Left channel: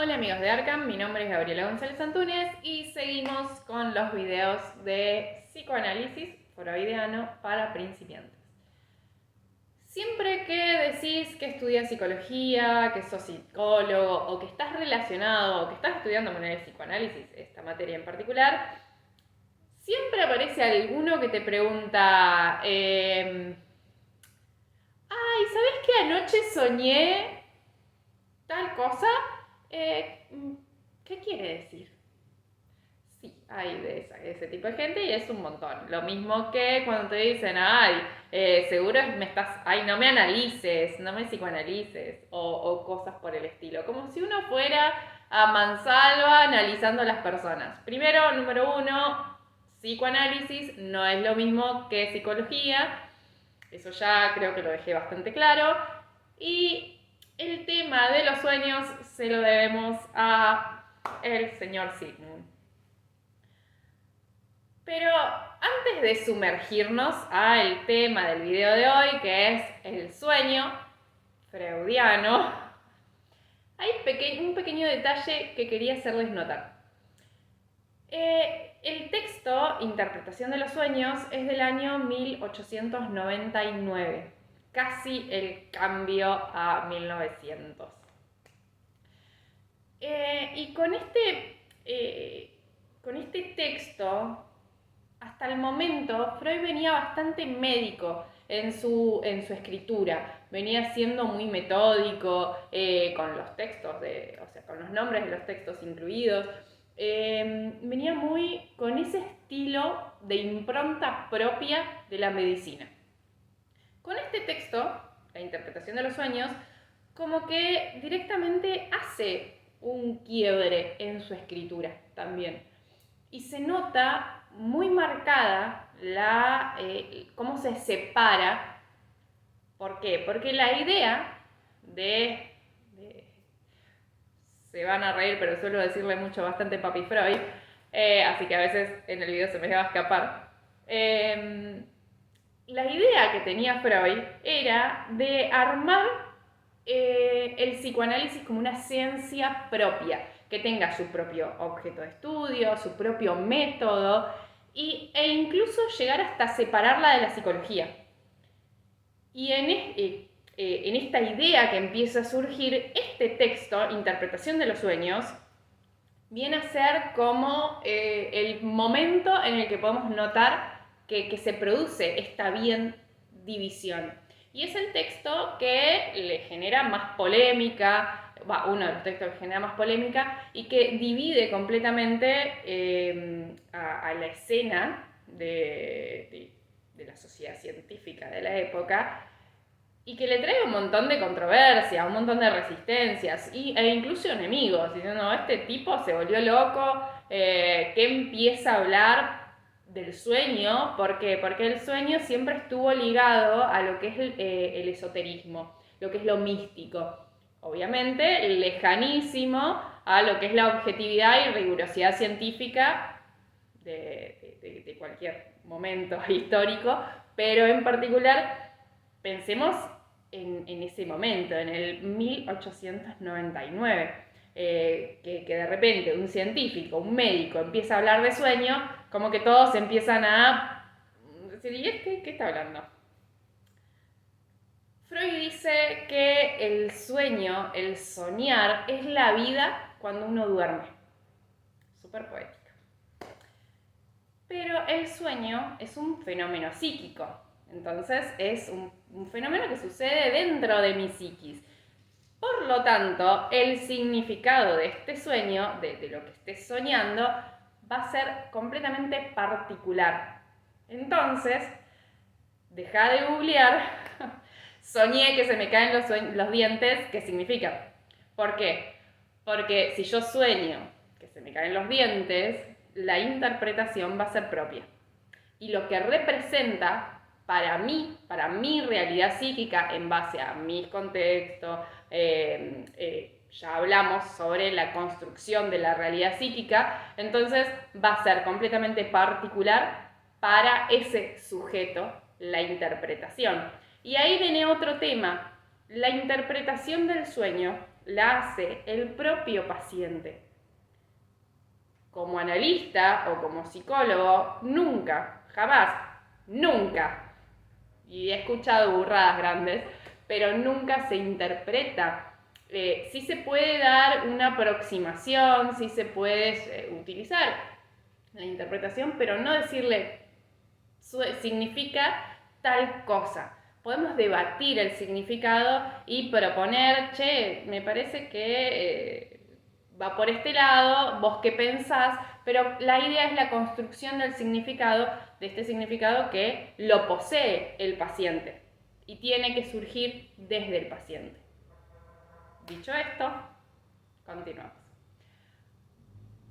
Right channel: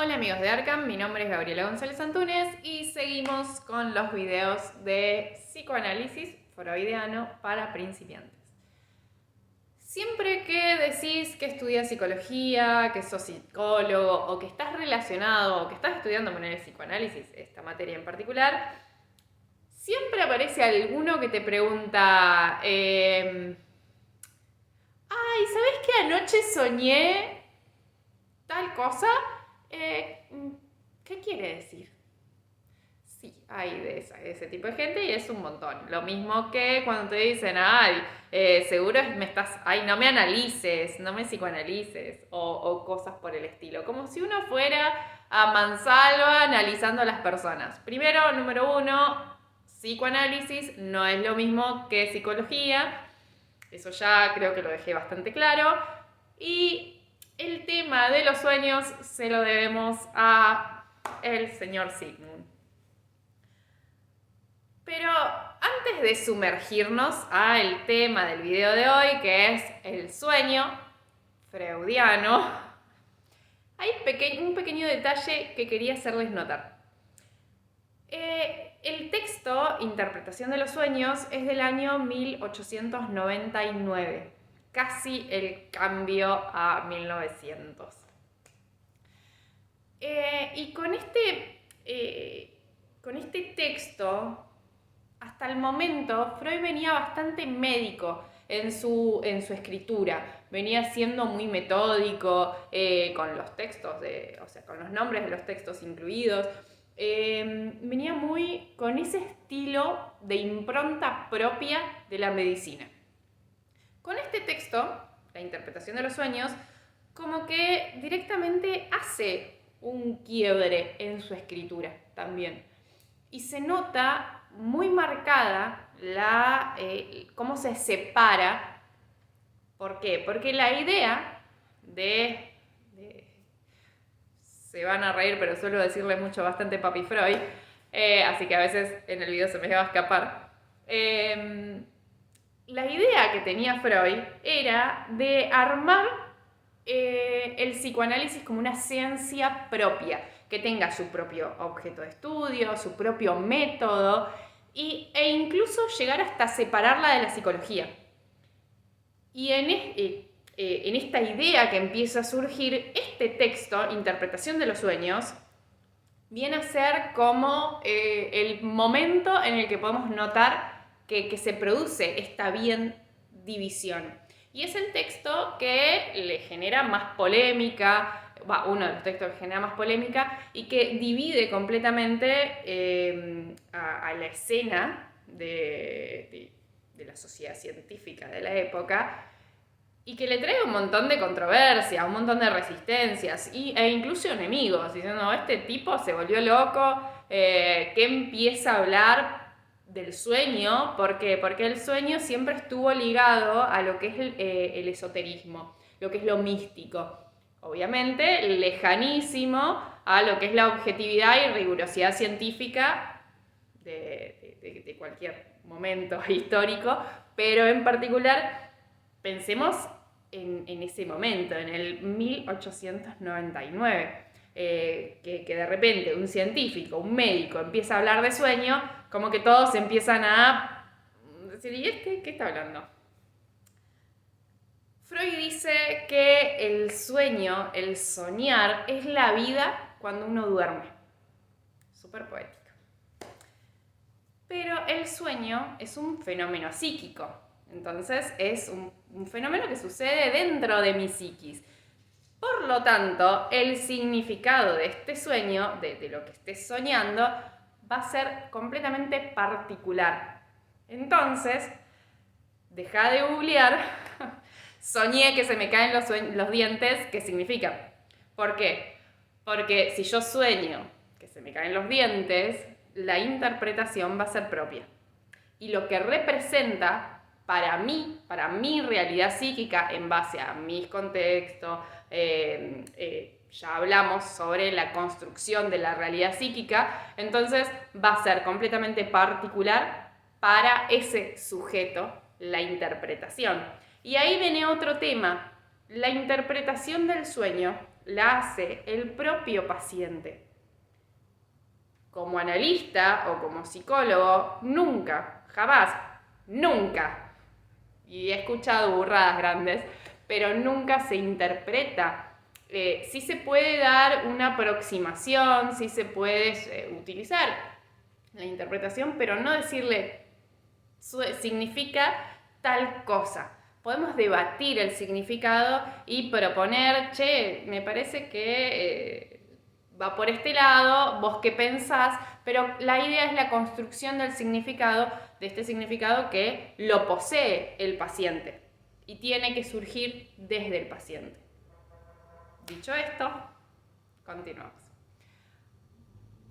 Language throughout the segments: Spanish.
Hola amigos de Arkham, mi nombre es Gabriela González Antúnez y seguimos con los videos de psicoanálisis freudiano para principiantes. Siempre que decís que estudias psicología, que sos psicólogo o que estás relacionado o que estás estudiando con el psicoanálisis, esta materia en particular, siempre aparece alguno que te pregunta, ay, ¿sabés que anoche soñé tal cosa? Eh, ¿Qué quiere decir? Sí, hay de ese tipo de gente y es un montón. Lo mismo que cuando te dicen, ay, seguro me estás, ay, no me analices, no me psicoanalices, o cosas por el estilo. Como si uno fuera a mansalva analizando a las personas. Primero, número uno, psicoanálisis no es lo mismo que psicología. Eso ya creo que lo dejé bastante claro. Y el tema de los sueños se lo debemos a el señor Sigmund. Pero antes de sumergirnos al tema del video de hoy, que es el sueño freudiano, hay un pequeño detalle que quería hacerles notar. El texto Interpretación de los sueños es del año 1899, casi el cambio a 1900. Y con este texto, hasta el momento, Freud venía bastante médico en su escritura. Venía siendo muy metódico con los textos, o sea, con los nombres de los textos incluidos. Venía muy con ese estilo de impronta propia de la medicina. Con este texto, la interpretación de los sueños, como que directamente hace un quiebre en su escritura también. Y se nota muy marcada cómo se separa. ¿Por qué? Porque la idea se van a reír, pero suelo decirle mucho bastante Papi Freud, así que a veces en el video se me va a escapar. La idea que tenía Freud era de armar el psicoanálisis como una ciencia propia, que tenga su propio objeto de estudio, su propio método, e incluso llegar hasta separarla de la psicología. Y en esta idea que empieza a surgir, este texto, Interpretación de los sueños, viene a ser como el momento en el que podemos notar que se produce esta bien división. Y es el texto que le genera más polémica, uno de los textos que genera más polémica y que divide completamente a la escena de la sociedad científica de la época y que le trae un montón de controversia, un montón de resistencias e incluso enemigos, diciendo, no, este tipo se volvió loco, que empieza a hablar del sueño, ¿por qué? Porque el sueño siempre estuvo ligado a lo que es el esoterismo, lo que es lo místico. Obviamente, lejanísimo a lo que es la objetividad y rigurosidad científica de cualquier momento histórico, pero en particular pensemos en ese momento, en el 1899, que de repente un científico, un médico empieza a hablar de sueño, como que todos empiezan a decir, ¿y este qué está hablando? Freud dice que el sueño, el soñar, es la vida cuando uno duerme. Súper poético. Pero el sueño es un fenómeno psíquico. Entonces es un fenómeno que sucede dentro de mi psiquis. Por lo tanto, el significado de este sueño, de lo que estés soñando, va a ser completamente particular. Entonces, deja de googlear, soñé que se me caen los dientes, ¿qué significa? ¿Por qué? Porque si yo sueño que se me caen los dientes, la interpretación va a ser propia. Y lo que representa para mí, para mi realidad psíquica, en base a mis contextos, ya hablamos sobre la construcción de la realidad psíquica, entonces va a ser completamente particular para ese sujeto la interpretación. Y ahí viene otro tema. La interpretación del sueño la hace el propio paciente. Como analista o como psicólogo, nunca, jamás, nunca, y he escuchado burradas grandes, pero nunca se interpreta. Sí se puede dar una aproximación, sí se puede utilizar la interpretación, pero no decirle significa tal cosa. Podemos debatir el significado y proponer, che, me parece que va por este lado, vos qué pensás, pero la idea es la construcción del significado, de este significado que lo posee el paciente y tiene que surgir desde el paciente. Dicho esto, continuamos.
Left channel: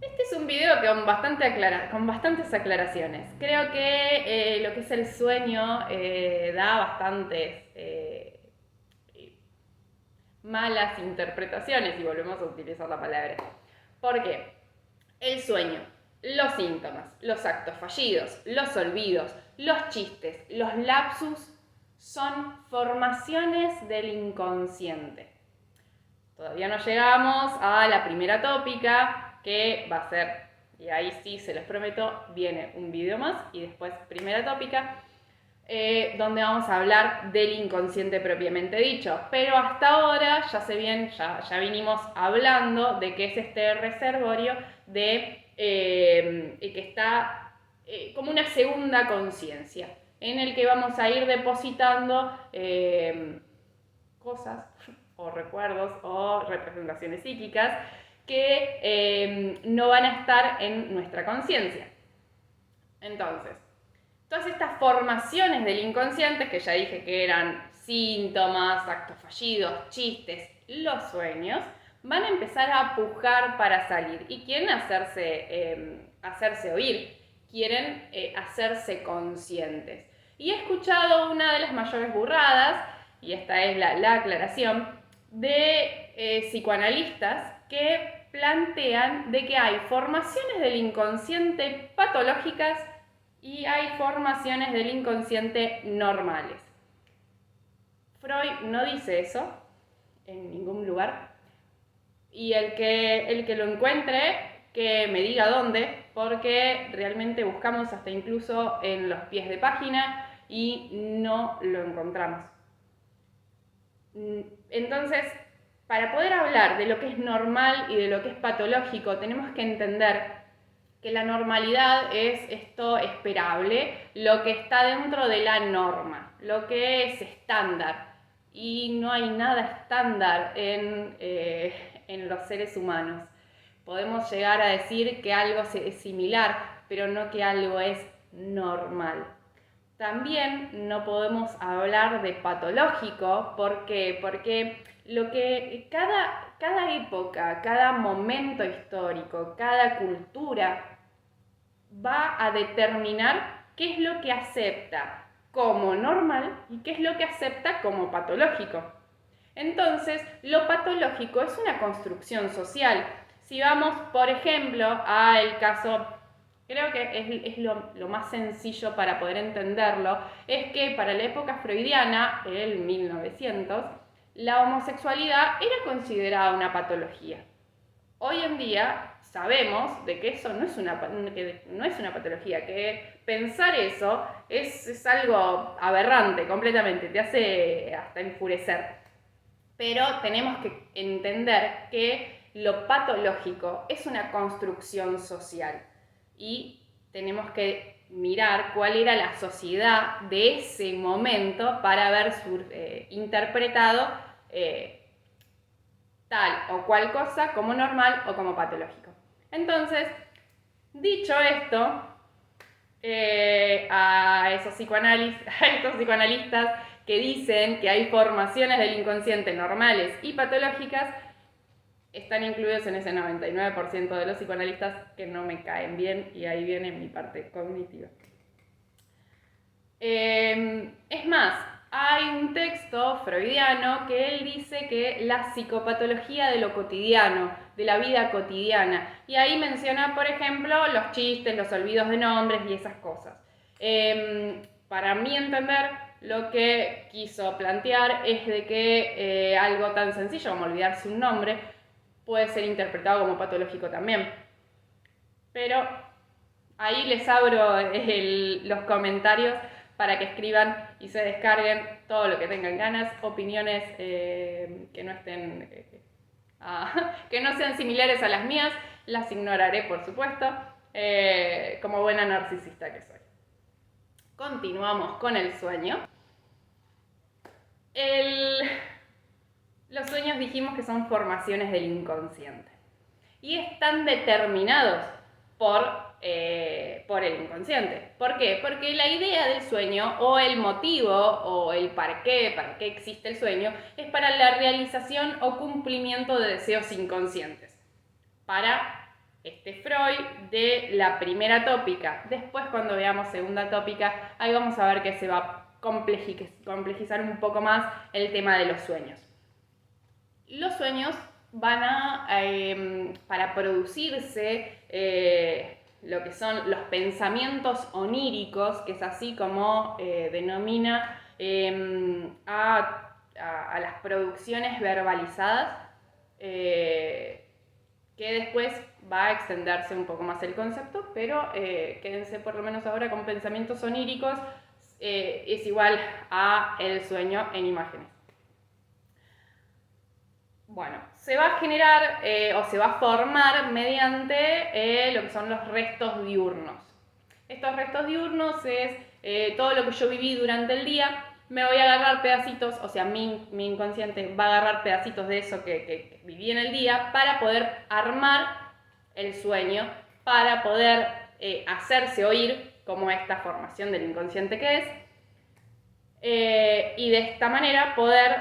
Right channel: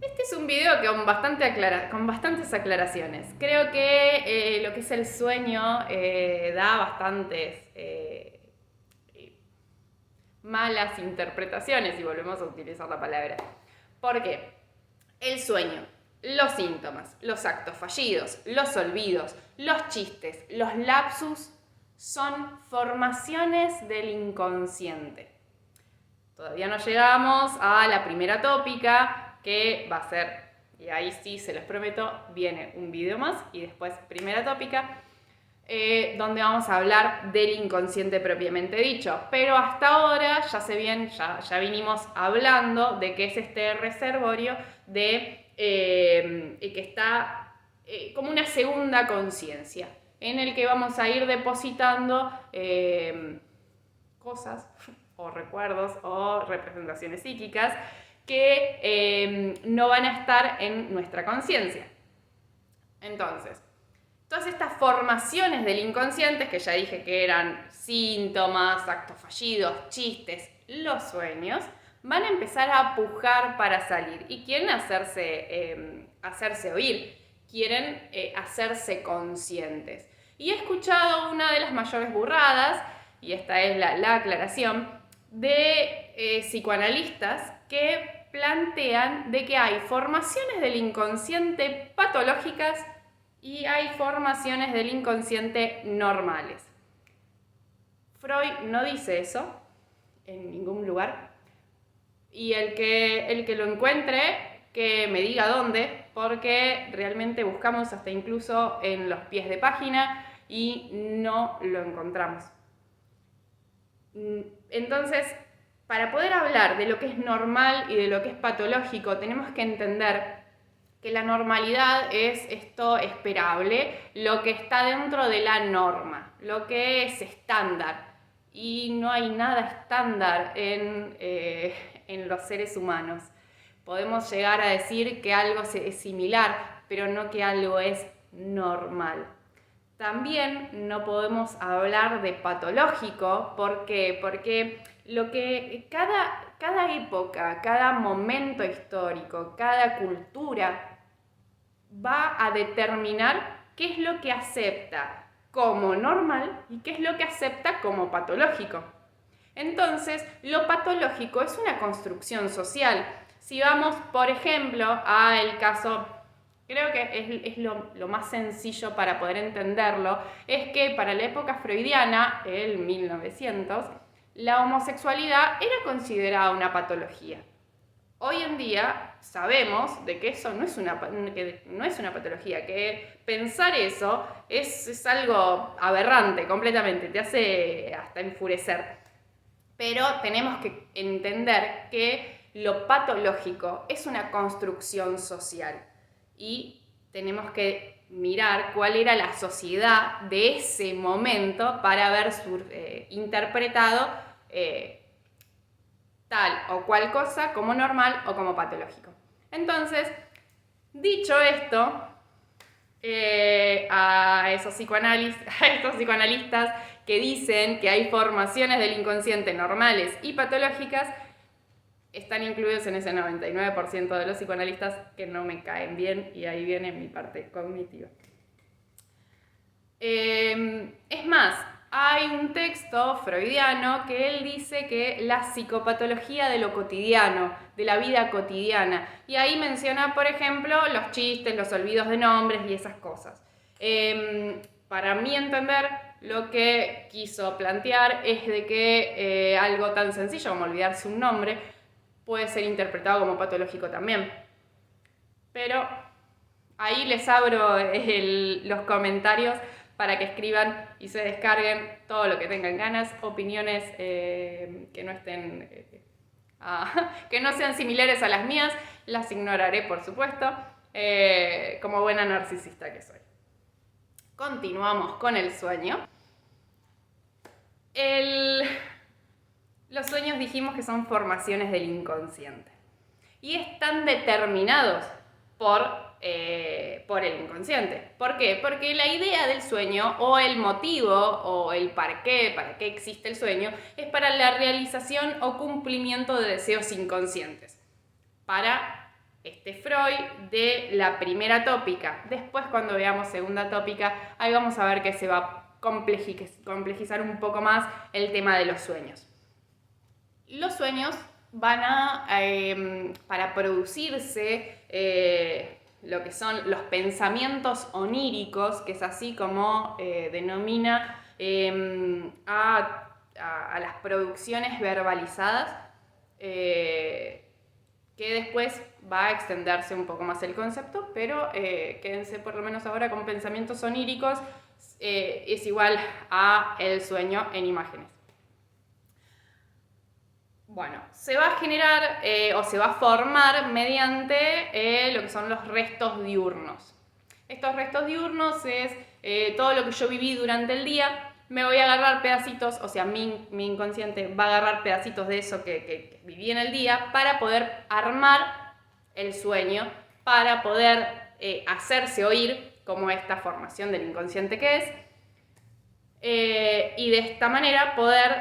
Este es un video con bastantes aclaraciones. Creo que lo que es el sueño da bastantes malas interpretaciones, si volvemos a utilizar la palabra. ¿Por qué? El sueño, los síntomas, los actos fallidos, los olvidos, los chistes, los lapsus son formaciones del inconsciente. Todavía no llegamos a la primera tópica, que va a ser, y ahí sí se los prometo, viene un video más y después primera tópica, donde vamos a hablar del inconsciente propiamente dicho. Pero hasta ahora ya vinimos hablando de que es este reservorio que está como una segunda conciencia, en el que vamos a ir depositando cosas o recuerdos o representaciones psíquicas que no van a estar en nuestra conciencia. Entonces, todas estas formaciones del inconsciente, que ya dije que eran síntomas, actos fallidos, chistes, los sueños, van a empezar a pujar para salir y quieren hacerse oír, quieren hacerse conscientes. Y he escuchado una de las mayores burradas, y esta es la aclaración, de psicoanalistas que plantean de que hay formaciones del inconsciente patológicas y hay formaciones del inconsciente normales. Freud no dice eso en ningún lugar, y el que lo encuentre, que me diga dónde, porque realmente buscamos hasta incluso en los pies de página y no lo encontramos. Entonces, para poder hablar de lo que es normal y de lo que es patológico, tenemos que entender que la normalidad es esto esperable, lo que está dentro de la norma, lo que es estándar. Y no hay nada estándar en los seres humanos. Podemos llegar a decir que algo es similar, pero no que algo es normal. También no podemos hablar de patológico. ¿Por qué? Porque cada época, cada momento histórico, cada cultura va a determinar qué es lo que acepta como normal y qué es lo que acepta como patológico. Entonces, lo patológico es una construcción social. Si vamos, por ejemplo, al caso, creo que es lo más sencillo para poder entenderlo, es que para la época freudiana, el 1900, la homosexualidad era considerada una patología. Hoy en día sabemos de que eso no es una patología, que pensar eso es algo aberrante completamente, te hace hasta enfurecer. Pero tenemos que entender que lo patológico es una construcción social y tenemos que mirar cuál era la sociedad de ese momento para haber interpretado tal o cual cosa como normal o como patológico. Entonces, dicho esto, a estos psicoanalistas que dicen que hay formaciones del inconsciente normales y patológicas, están incluidos en ese 99% de los psicoanalistas que no me caen bien, y ahí viene mi parte cognitiva. Es más, hay un texto freudiano que él dice que la psicopatología de lo cotidiano, de la vida cotidiana, y ahí menciona, por ejemplo, los chistes, los olvidos de nombres y esas cosas. Para mí entender, lo que quiso plantear es de que algo tan sencillo como olvidarse un nombre puede ser interpretado como patológico también. Pero ahí les abro los comentarios para que escriban y se descarguen todo lo que tengan ganas, opiniones que no estén, que no sean similares a las mías, las ignoraré por supuesto, como buena narcisista que soy. Continuamos con el sueño. Los sueños dijimos que son formaciones del inconsciente y están determinados por el inconsciente. ¿Por qué? Porque la idea del sueño o el motivo o el para qué existe el sueño es para la realización o cumplimiento de deseos inconscientes. Para Freud de la primera tópica. Después cuando veamos segunda tópica, ahí vamos a ver que se va a complejizar un poco más el tema de los sueños. Los sueños van para producirse lo que son los pensamientos oníricos, que es así como denomina a las producciones verbalizadas, que después va a extenderse un poco más el concepto, pero quédense por lo menos ahora con pensamientos oníricos, es igual a el sueño en imágenes. Bueno, se va a generar o se va a formar mediante lo que son los restos diurnos. Estos restos diurnos es todo lo que yo viví durante el día. Me voy a agarrar pedacitos, o sea, mi inconsciente va a agarrar pedacitos de eso que viví en el día para poder armar el sueño, para poder hacerse oír como esta formación del inconsciente que es, y de esta manera poder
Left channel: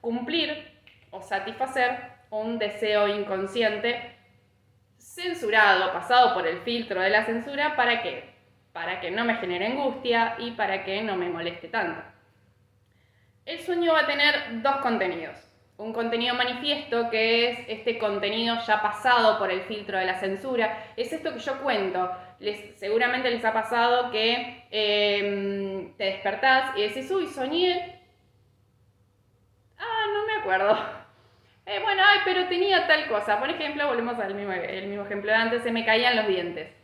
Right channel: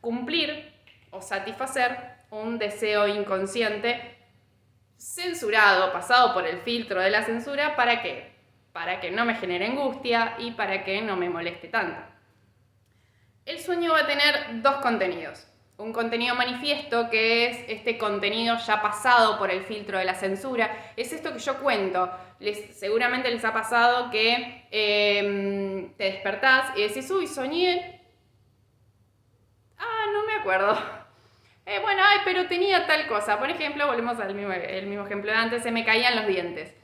cumplir o satisfacer un deseo inconsciente censurado, pasado por el filtro de la censura. ¿Para qué? Para que no me genere angustia y para que no me moleste tanto. El sueño va a tener dos contenidos. Un contenido manifiesto, que es este contenido ya pasado por el filtro de la censura. Es esto que yo cuento. Seguramente les ha pasado que te despertás y decís, uy, soñé. No me acuerdo. Bueno, pero tenía tal cosa. Por ejemplo, volvemos al mismo ejemplo de antes, se me caían los dientes.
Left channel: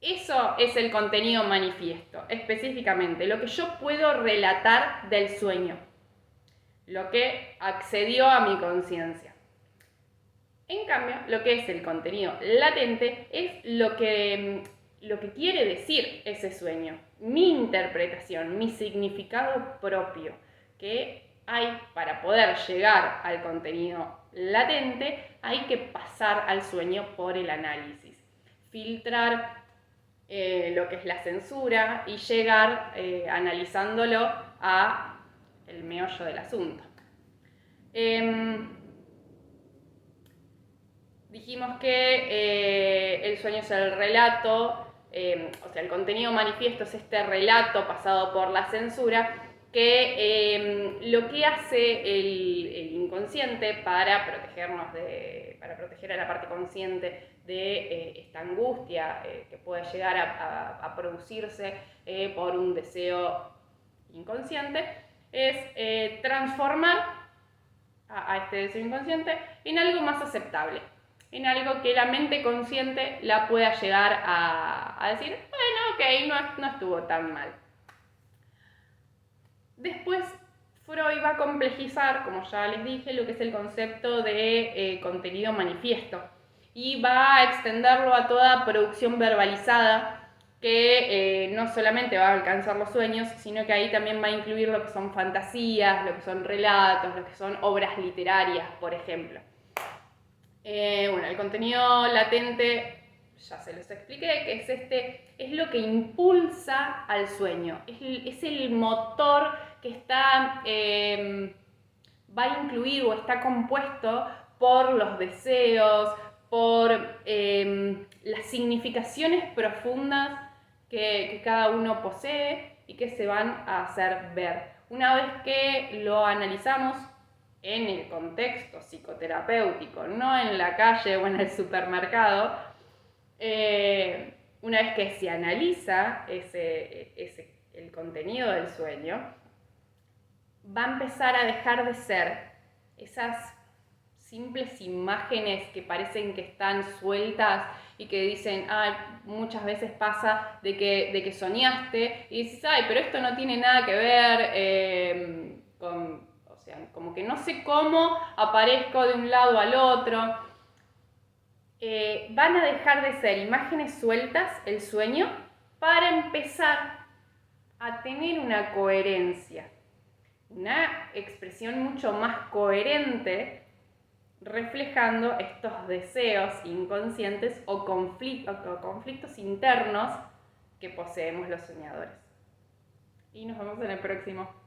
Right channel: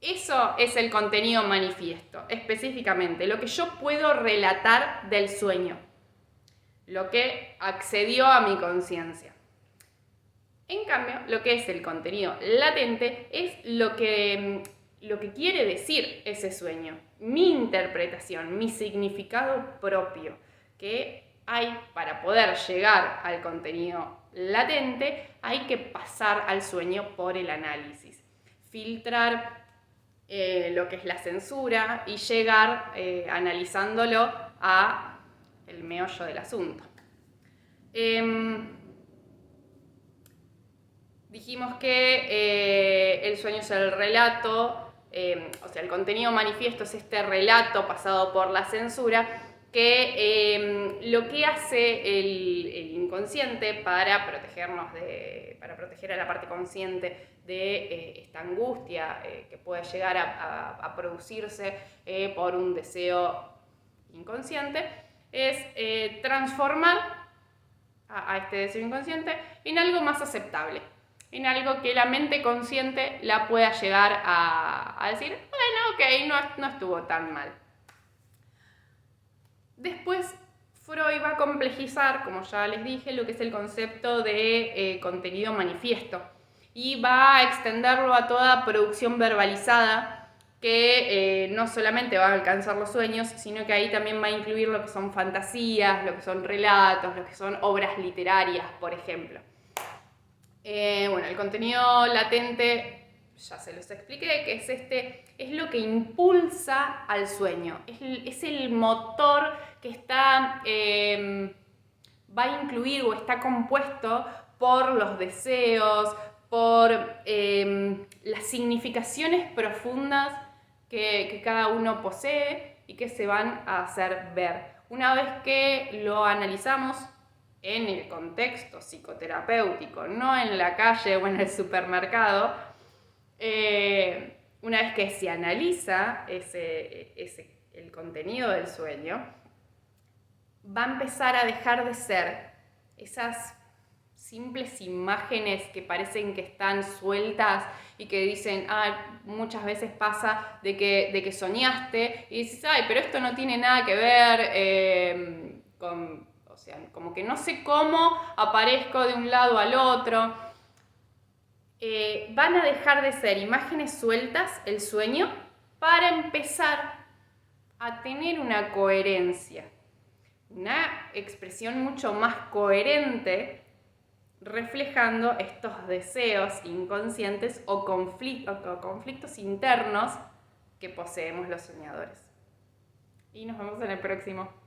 Eso es el contenido manifiesto, específicamente, lo que yo puedo relatar del sueño, lo que accedió a mi conciencia. En cambio, lo que es el contenido latente es lo que quiere decir ese sueño, mi interpretación, mi significado propio, que hay para poder llegar al contenido latente, hay que pasar al sueño por el análisis, filtrar lo que es la censura y llegar analizándolo a el meollo del asunto. Dijimos que el sueño es el relato, o sea, el contenido manifiesto es este relato pasado por la censura, que lo que hace el inconsciente para proteger a la parte consciente de esta angustia que puede llegar a producirse por un deseo inconsciente, es transformar a este deseo inconsciente en algo más aceptable, en algo que la mente consciente la pueda llegar a decir, bueno, ok, no estuvo tan mal. Después, Freud va a complejizar, como ya les dije, lo que es el concepto de contenido manifiesto y va a extenderlo a toda producción verbalizada que no solamente va a alcanzar los sueños, sino que ahí también va a incluir lo que son fantasías, lo que son relatos, lo que son obras literarias, por ejemplo. Bueno, el contenido latente ya se los expliqué, que es lo que impulsa al sueño, es el motor que va a incluir o está compuesto por los deseos, por las significaciones profundas que cada uno posee y que se van a hacer ver. Una vez que lo analizamos en el contexto psicoterapéutico, no en la calle o en el supermercado, una vez que se analiza ese el contenido del sueño, va a empezar a dejar de ser esas simples imágenes que parecen que están sueltas y que dicen, muchas veces pasa de que soñaste y dices, pero esto no tiene nada que ver o sea, como que no sé cómo aparezco de un lado al otro. Van a dejar de ser imágenes sueltas, el sueño, para empezar a tener una coherencia, una expresión mucho más coherente, reflejando estos deseos inconscientes o conflictos internos que poseemos los soñadores. Y nos vemos en el próximo.